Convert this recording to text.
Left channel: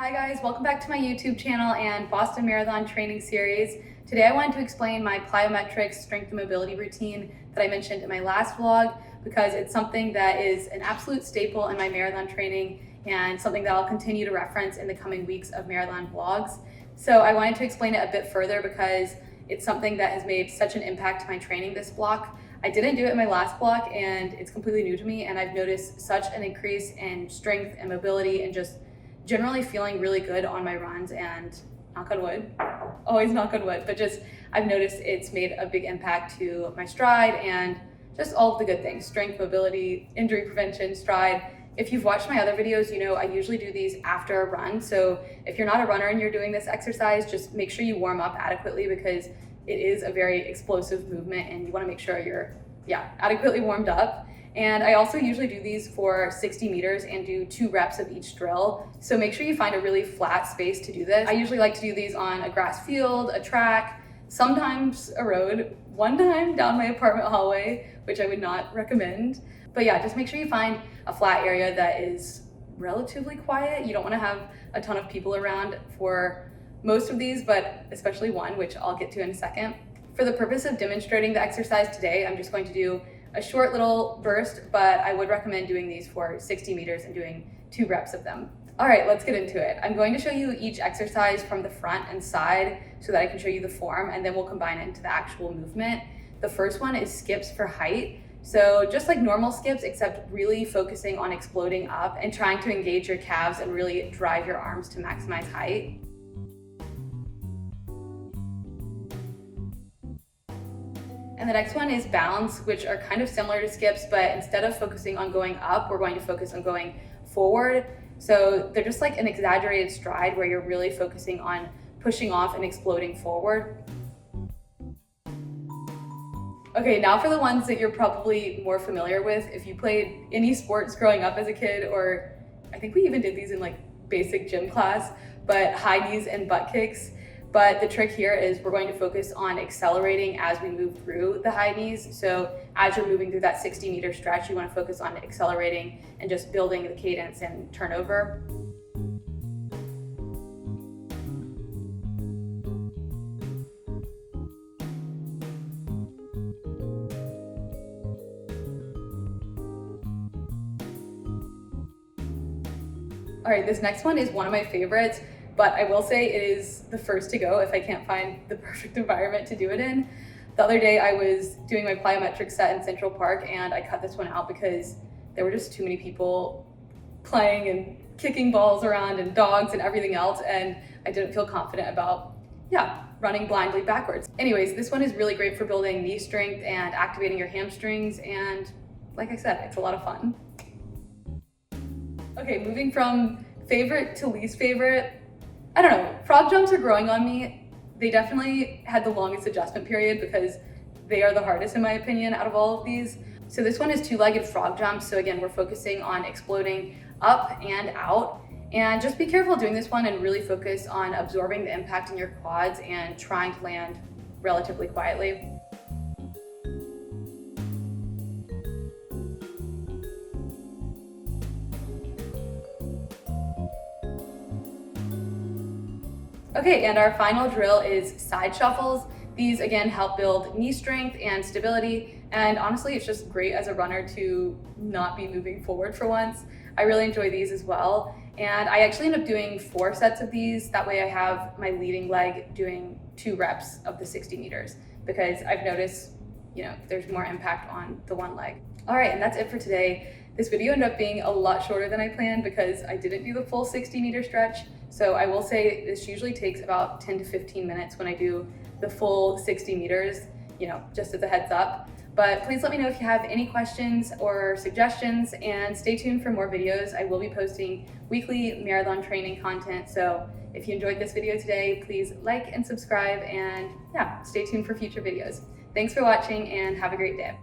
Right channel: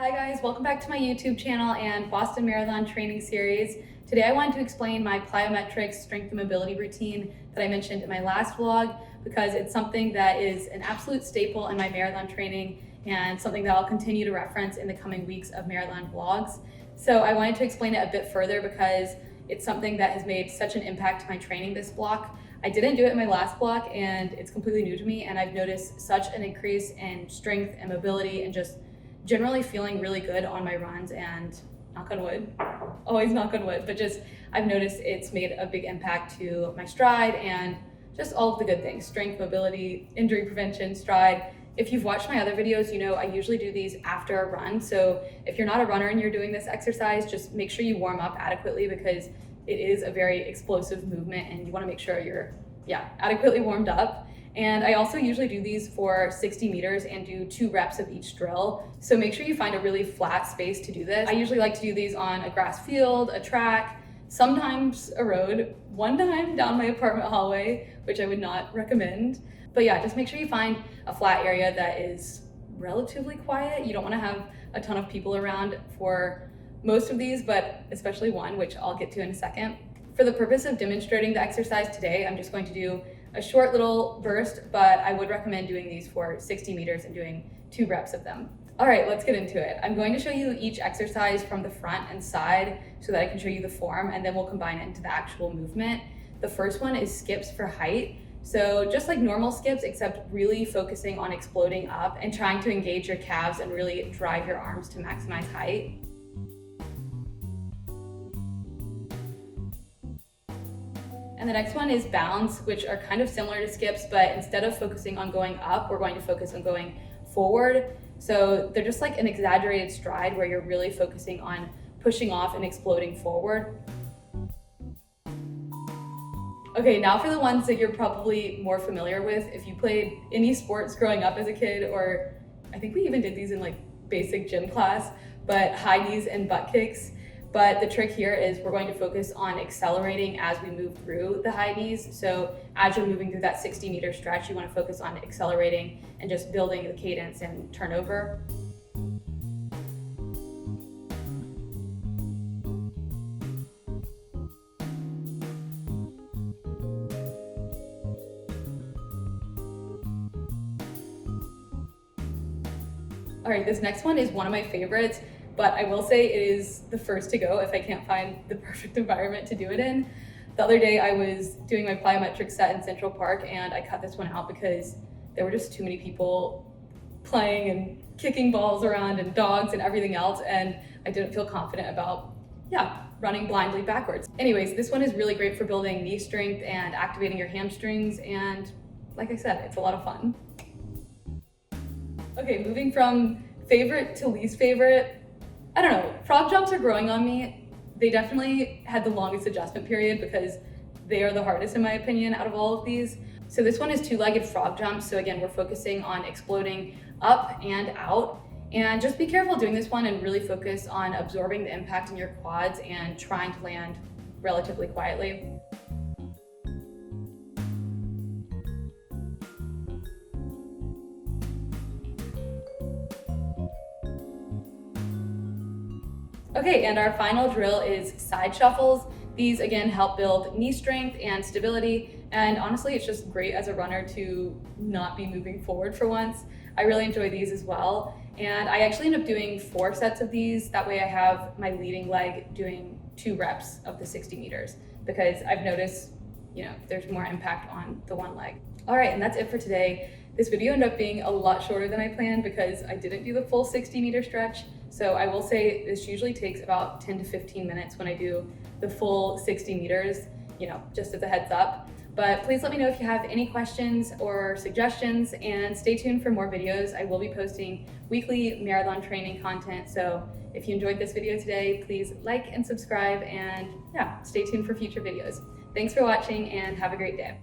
Hi guys, welcome back to my YouTube channel and Boston Marathon training series. Today I wanted to explain my plyometrics strength and mobility routine that I mentioned in my last vlog because it's something that is an absolute staple in my marathon training and something that I'll continue to reference in the coming weeks of marathon vlogs. So I wanted to explain it a bit further because it's something that has made such an impact to my training this block. I didn't do it in my last block and it's completely new to me, and I've noticed such an increase in strength and mobility and just generally feeling really good on my runs, and knock on wood, always knock on wood, but just I've noticed it's made a big impact to my stride and just all of the good things: strength, mobility, injury prevention, stride. If you've watched my other videos, you know I usually do these after a run. So if you're not a runner and you're doing this exercise, just make sure you warm up adequately because it is a very explosive movement and you want to make sure you're adequately warmed up. And I also usually do these for 60 meters and do 2 reps of each drill. So make sure you find a really flat space to do this. I usually like to do these on a grass field, a track, sometimes a road, one time down my apartment hallway, which I would not recommend. But yeah, just make sure you find a flat area that is relatively quiet. You don't want to have a ton of people around for most of these, but especially one, which I'll get to in a second. For the purpose of demonstrating the exercise today, I'm just going to do a short little burst, but I would recommend doing these for 60 meters and doing 2 reps of them. All right, let's get into it. I'm going to show you each exercise from the front and side so that I can show you the form, and then we'll combine it into the actual movement. The first one is skips for height. So just like normal skips, except really focusing on exploding up and trying to engage your calves and really drive your arms to maximize height. And the next one is bounds, which are kind of similar to skips, but instead of focusing on going up, we're going to focus on going forward. So they're just like an exaggerated stride where you're really focusing on pushing off and exploding forward. Okay, now for the ones that you're probably more familiar with. If you played any sports growing up as a kid, or I think we even did these in like basic gym class, but high knees and butt kicks. But the trick here is we're going to focus on accelerating as we move through the high knees. So as you're moving through that 60-meter stretch, you want to focus on accelerating and just building the cadence and turnover. All right, this next one is one of my favorites, but I will say it is the first to go if I can't find the perfect environment to do it in. The other day I was doing my plyometrics set in Central Park and I cut this one out because there were just too many people playing and kicking balls around and dogs and everything else, and I didn't feel confident about, running blindly backwards. Anyways, this one is really great for building knee strength and activating your hamstrings, and like I said, it's a lot of fun. Okay, moving from favorite to least favorite, I don't know, frog jumps are growing on me. They definitely had the longest adjustment period because they are the hardest in my opinion out of all of these. So this one is 2-legged frog jumps. So again, we're focusing on exploding up and out. And just be careful doing this one and really focus on absorbing the impact in your quads and trying to land relatively quietly. Okay, and our final drill is side shuffles. These again help build knee strength and stability, and honestly it's just great as a runner to not be moving forward for once. I really enjoy these as well, and I actually end up doing 4 sets of these. That way I have my leading leg doing 2 reps of the 60 meters because I've noticed, there's more impact on the one leg. All right, and that's it for today. This video ended up being a lot shorter than I planned because I didn't do the full 60-meter stretch. So I will say this usually takes about 10 to 15 minutes when I do the full 60 meters, just as a heads up. But please let me know if you have any questions or suggestions, and stay tuned for more videos. I will be posting weekly marathon training content. So if you enjoyed this video today, please like and subscribe, and stay tuned for future videos. Thanks for watching and have a great day.